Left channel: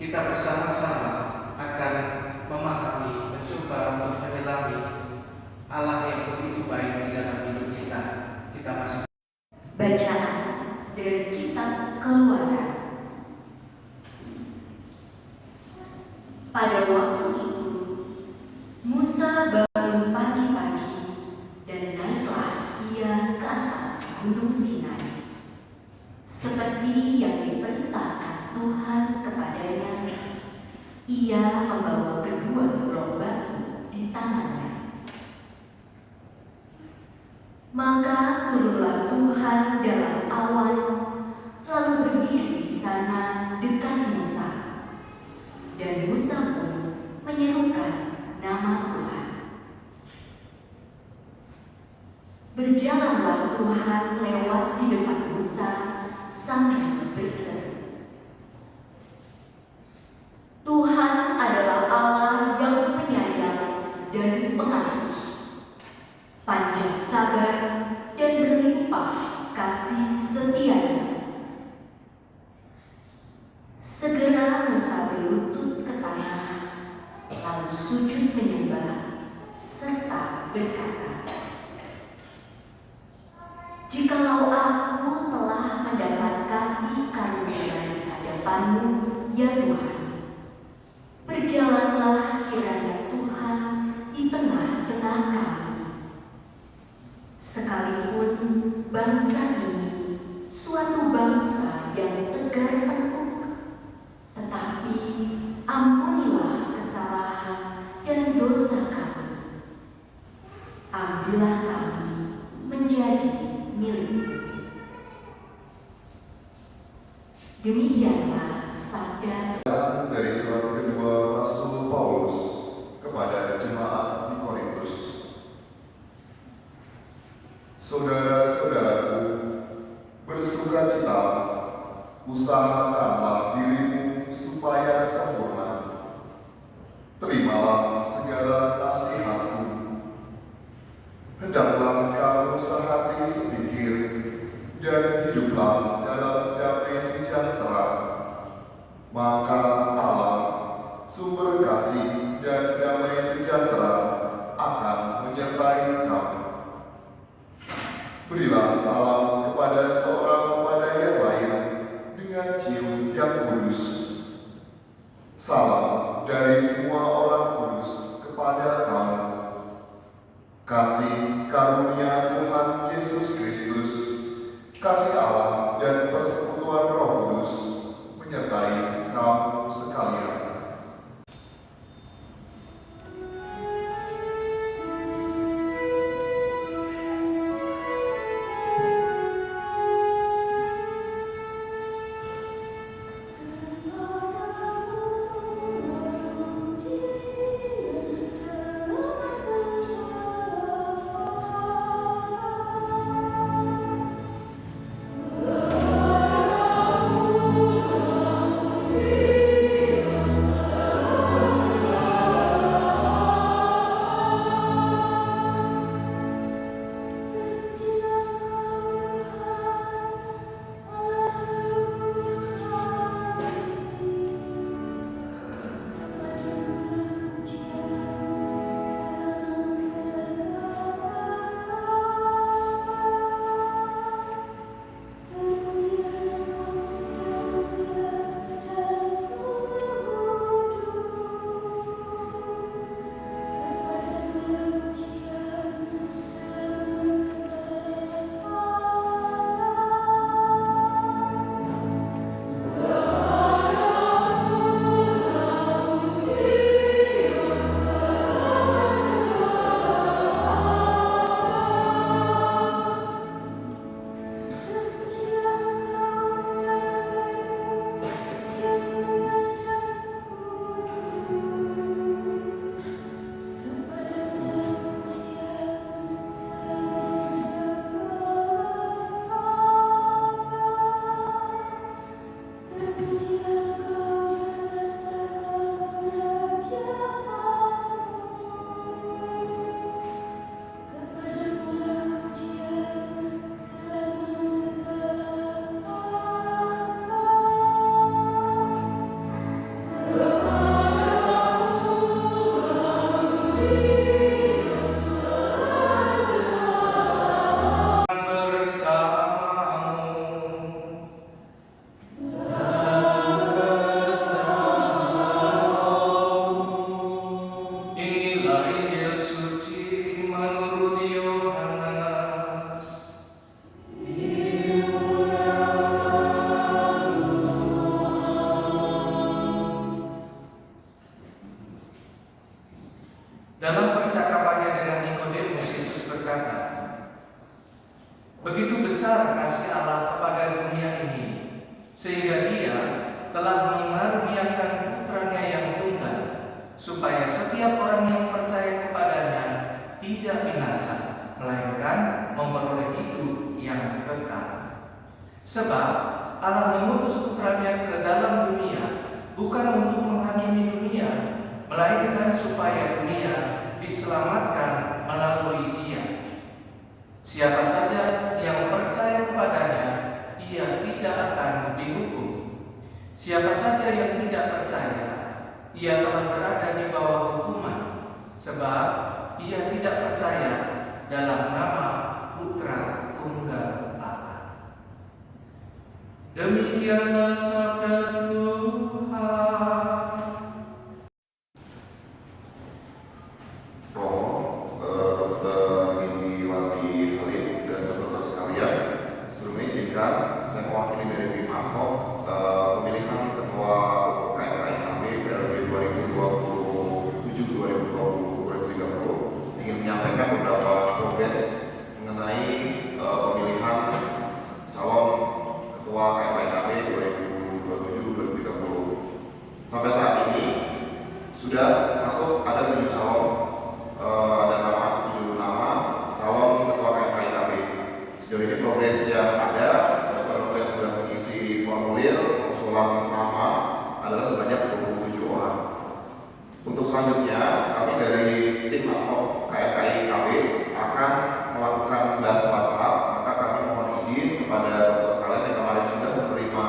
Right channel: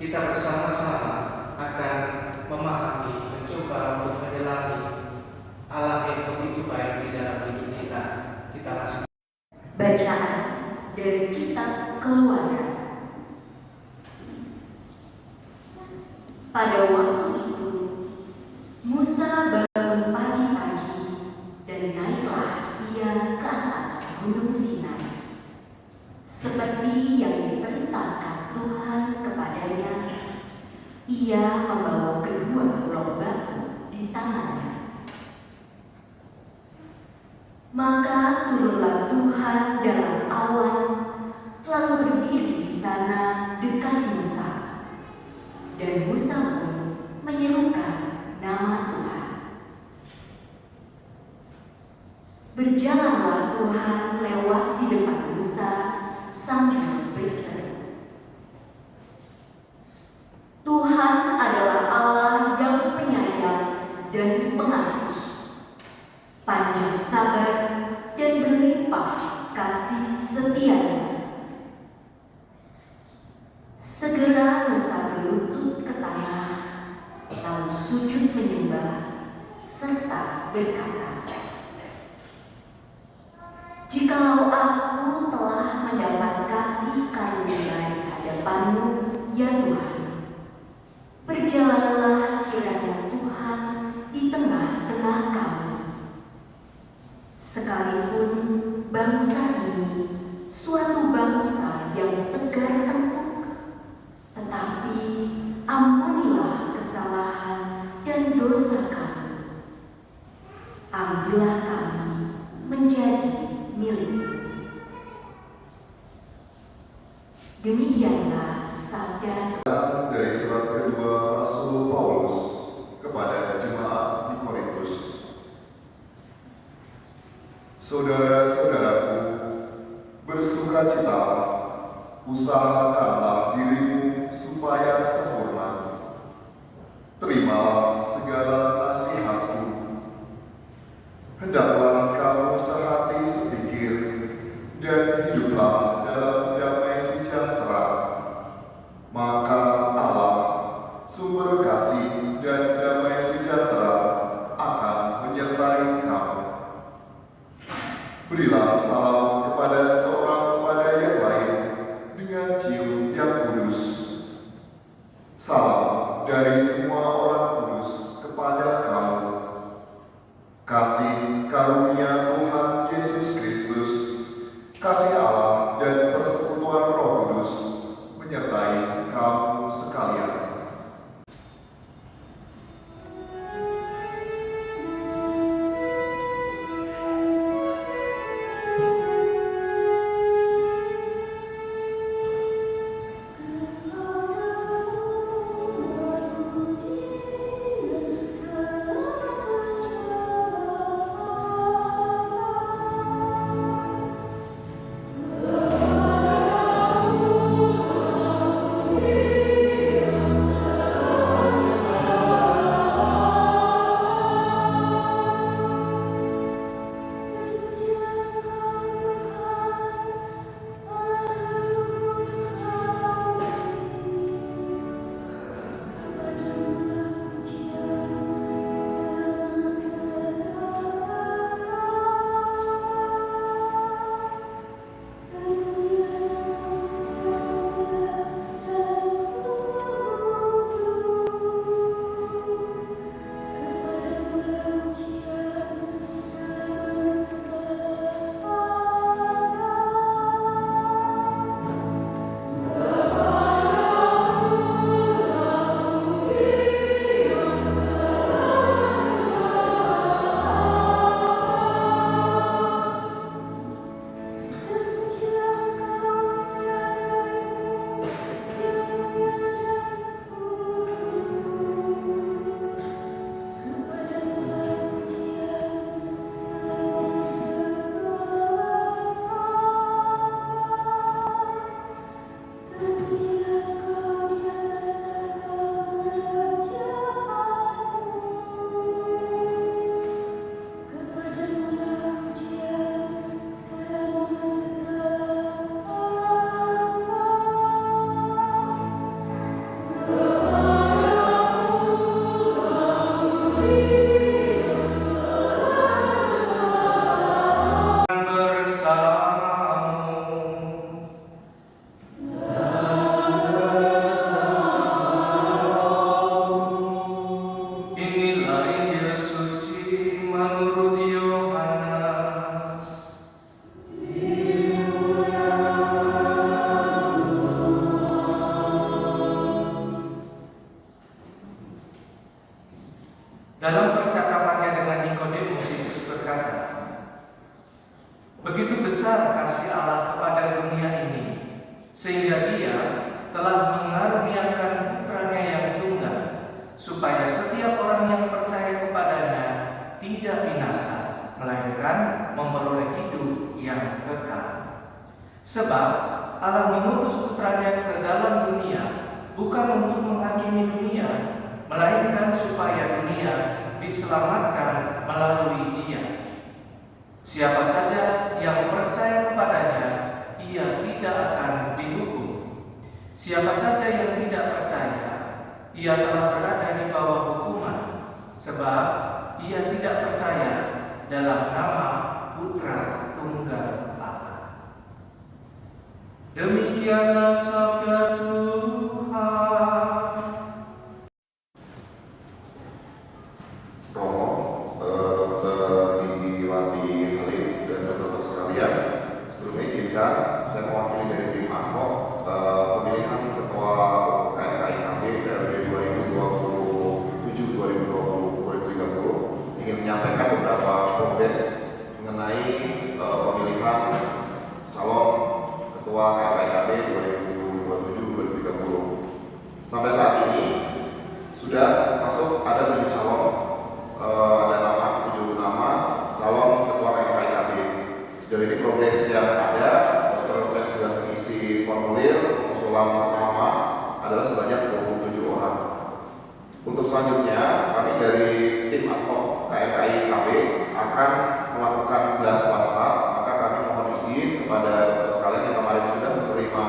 kita bersama-sama akan memahami, mencoba untuk menyelami Allah yang begitu baik di dalam hidup kita. Kita masih bacaan dari kitab Keluaran. Pada waktu itu, Musa bangun pagi-pagi dan naiklah ia ke atas gunung Sinai, seperti yang diperintahkan Tuhan kepadanya. Ia membawa kedua blok batu di tangannya. Maka turunlah Tuhan dalam awan, lalu berdiri di sana dekat Musa. Dan Musa pun menyerukan nama Tuhan. Berjalanlah Tuhan lewat di depan Musa sambil berseru. Tuhan adalah Allah yang penyayang dan pengasih, panjang sabar dan berlimpah kasih setianya. Segera Musa berlutut ke tanah, lalu sujud menyembah, serta berkata, "Jikalau aku telah mendapat kasih karunia di hadapan-Mu, ya Tuhan, berjalanlah kiranya Tuhan di tengah-tengah kami. Sekalipun bangsa ini suatu bangsa yang tegar tengkuk, tetapi ampunilah kesalahan dan dosa kami. Ambillah kami menjadi milik-Mu." Demikianlah sabda dari surat kedua Rasul Paulus kepada jemaat di Korintus. Saudara-saudaraku, bersukacitalah, usahakanlah dirimu supaya sempurna. Terimalah segala nasihatku. Hendaklah kamu sehati sepikir dan hiduplah dalam damai sejahtera. Maka Allah, sumber kasih dan damai sejahtera, akan menyertai kamu. Berilah salam kepada seorang kepada yang lain dengan cium yang kudus. Salam dari semua orang kudus kepada kamu. Kasih karunia Tuhan Yesus Kristus, kasih Allah dan persekutuan Roh Kudus menyertai kamu sekalian. berkata, "Begitu besar kasih Allah kepada dunia ini, sehingga Dia telah mengaruniakan Putranya yang tunggal, supaya setiap orang yang percaya kepadanya tidak binasa, melainkan memperoleh hidup yang kekal. Sebab Allah mengutus Putranya ke dalam dunia bukan untuk menghakimi dunia, melainkan supaya dunia diselamatkan melalui Dia. Siapa saja yang percaya kepadanya, ia tidak akan dihukum. Siapa saja yang tidak percaya, ia telah berada di bawah hukuman, sebab ia tidak percaya dalam nama Putra Tunggal Allah." Demikianlah sabda Tuhan. Dr. Indiwati Halim dan dokter sekalian, sebelumnya izinkan saya mewakili dari tim Ahok pemilihan ketua KMKIKB periode 2027-2030 ingin menyampaikan beberapa progres mengenai pemilihan calon ketua KMKIKB 2027-2030. Sampai saat ini sudah masuk ada 7 calon. Ada 7 nama calon ketua KMKIKB. Sejauh ini progres yang ada, dokter yang sudah mengisi formulir usulan nama adalah sebanyak 27 orang. Untuk selanjutnya, kami dari tim ad hoc KMKIKB akan melakukan blast WhatsApp. Maka kami mohon izin kepada dokter sekalian yang kemarin sudah menerima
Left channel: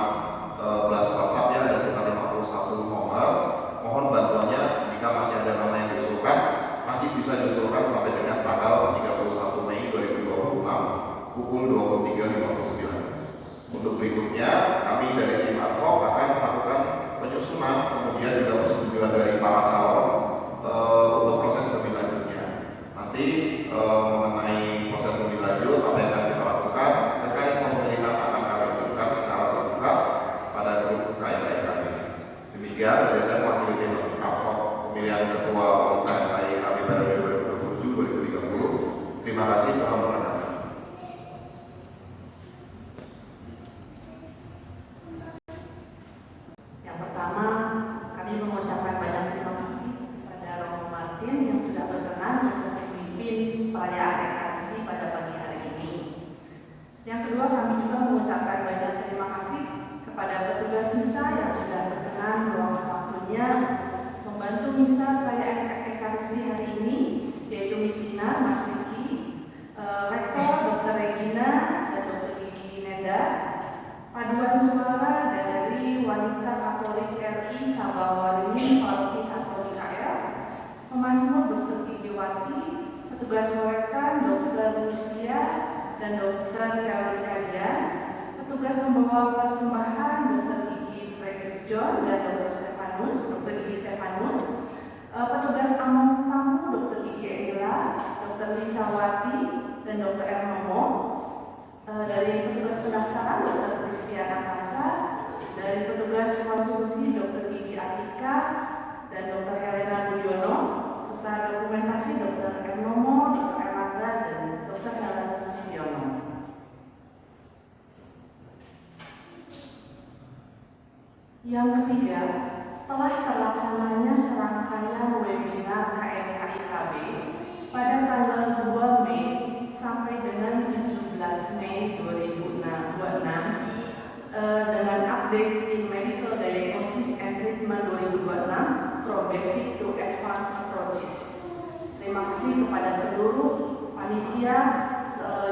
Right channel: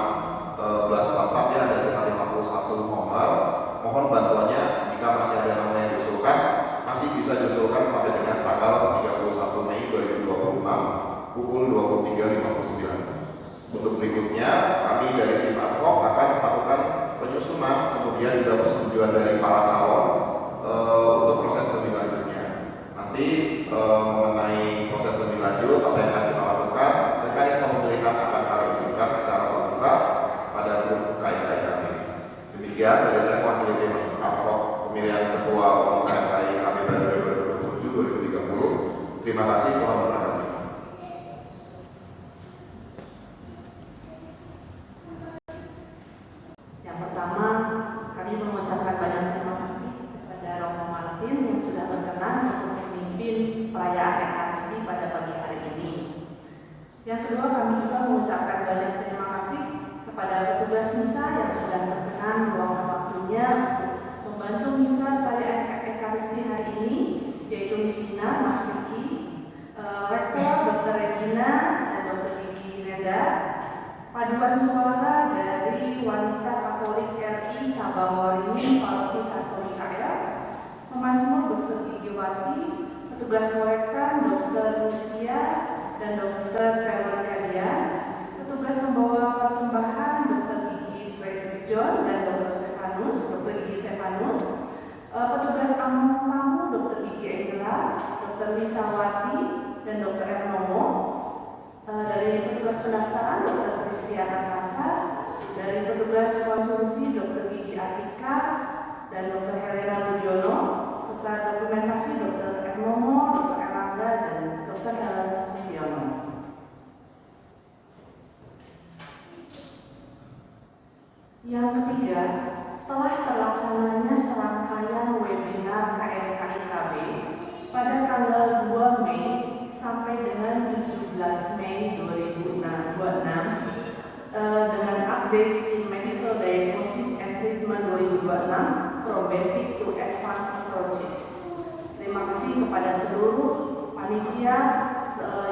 blast WhatsApp, ya ada sekitar 51 nomor. Mohon bantuannya jika masih ada nama yang diusulkan, masih bisa diusulkan sampai dengan tanggal 31 Mei 2026 pukul 23.59. Untuk berikutnya, kami dari tim ad hoc akan melakukan penyusunan, kemudian juga persetujuan dari para calon untuk proses lebih lanjutnya. Nanti mengenai proses lebih lanjut, apa yang akan kita lakukan, mekanisme pemilihan akan kami lakukan secara terbuka pada grup KMKI kami. Demikian dari saya mewakili tim ad hoc pemilihan ketua KMKI kami pada 2027-2030. Terima kasih, Tuhan memberkati. Yang pertama, kami mengucapkan banyak terima kasih kepada Romo Martin yang sudah berkenan untuk memimpin perayaan Ekaristi pada pagi hari ini. Yang kedua, kami juga mengucapkan banyak terima kasih kepada petugas misa yang sudah berkenan meluangkan waktunya membantu misa pada Ekaristi hari ini, yaitu Miss Dina, Mas Niki, Rektor Dr. Regina dan Dr. Gigi Nenda, paduan suara dari Wanita Katolik RI Cabang Waringin Paroki Santo Mikael, Pemasmur Dr. Gigi Wati, petugas kolektan Dr. Lucia dan Dr. Veronica Dian, petugas membawa persembahan Dr. Gigi Frederick John dan Dr. Gigi Stefanus, petugas among tamu Dr. Gigi Angela, Dr. Lisa Wati dan Dr. Ernomo, dari petugas pendaftaran Dr. Kristiana Kasa, dari petugas konsumsi Dr. Gigi Atika dan Dr. Helena Budiono, serta dokumentasi Dr. Ernomo, Dr. Erlangga dan Dr. Helena Sudiono. Yang ketiga, telah terlaksananya serangkaian webinar KMKIKB pada tanggal 2 Mei sampai dengan 17 Mei 2026 dengan updates in medical diagnosis and treatment 2026 from basic to advanced approaches. Terima kasih kepada seluruh panitia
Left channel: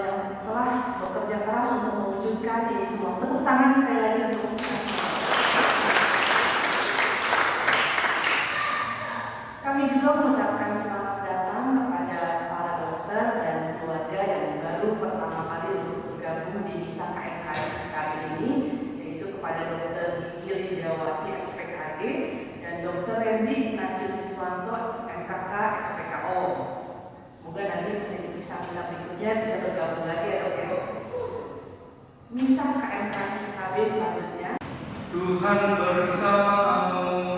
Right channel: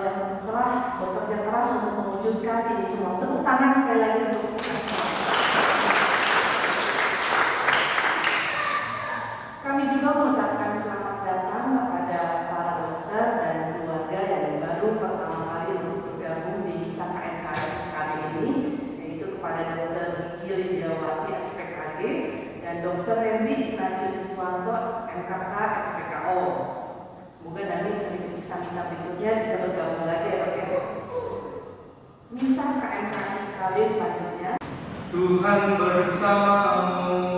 yang telah bekerja keras untuk mewujudkan ini semua. Tepuk tangan sekali lagi untuk kita semua. Kami juga mengucapkan selamat datang kepada para dokter dan keluarga yang baru pertama kali untuk bergabung di misa KMKI kali ini, yaitu kepada Dr. Gigi Lidiawati SPKG dan Dr. Hendy Ignatius Siswanto MKK SPKO. Semoga nanti misa-misa berikutnya bisa bergabung lagi ya dok ya. Misa KMKI KB selanjutnya. Tuhan bersamamu.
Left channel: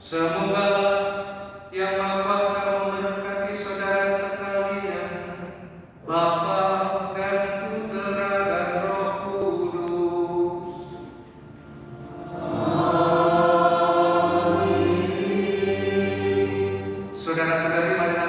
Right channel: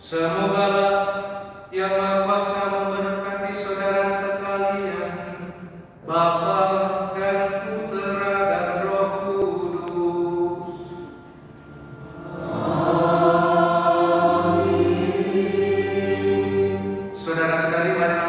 Semoga Yang Maha Kuasa memberkati saudara sekalian, Bapa dan Putra dan Roh Kudus. Saudara-saudari, mari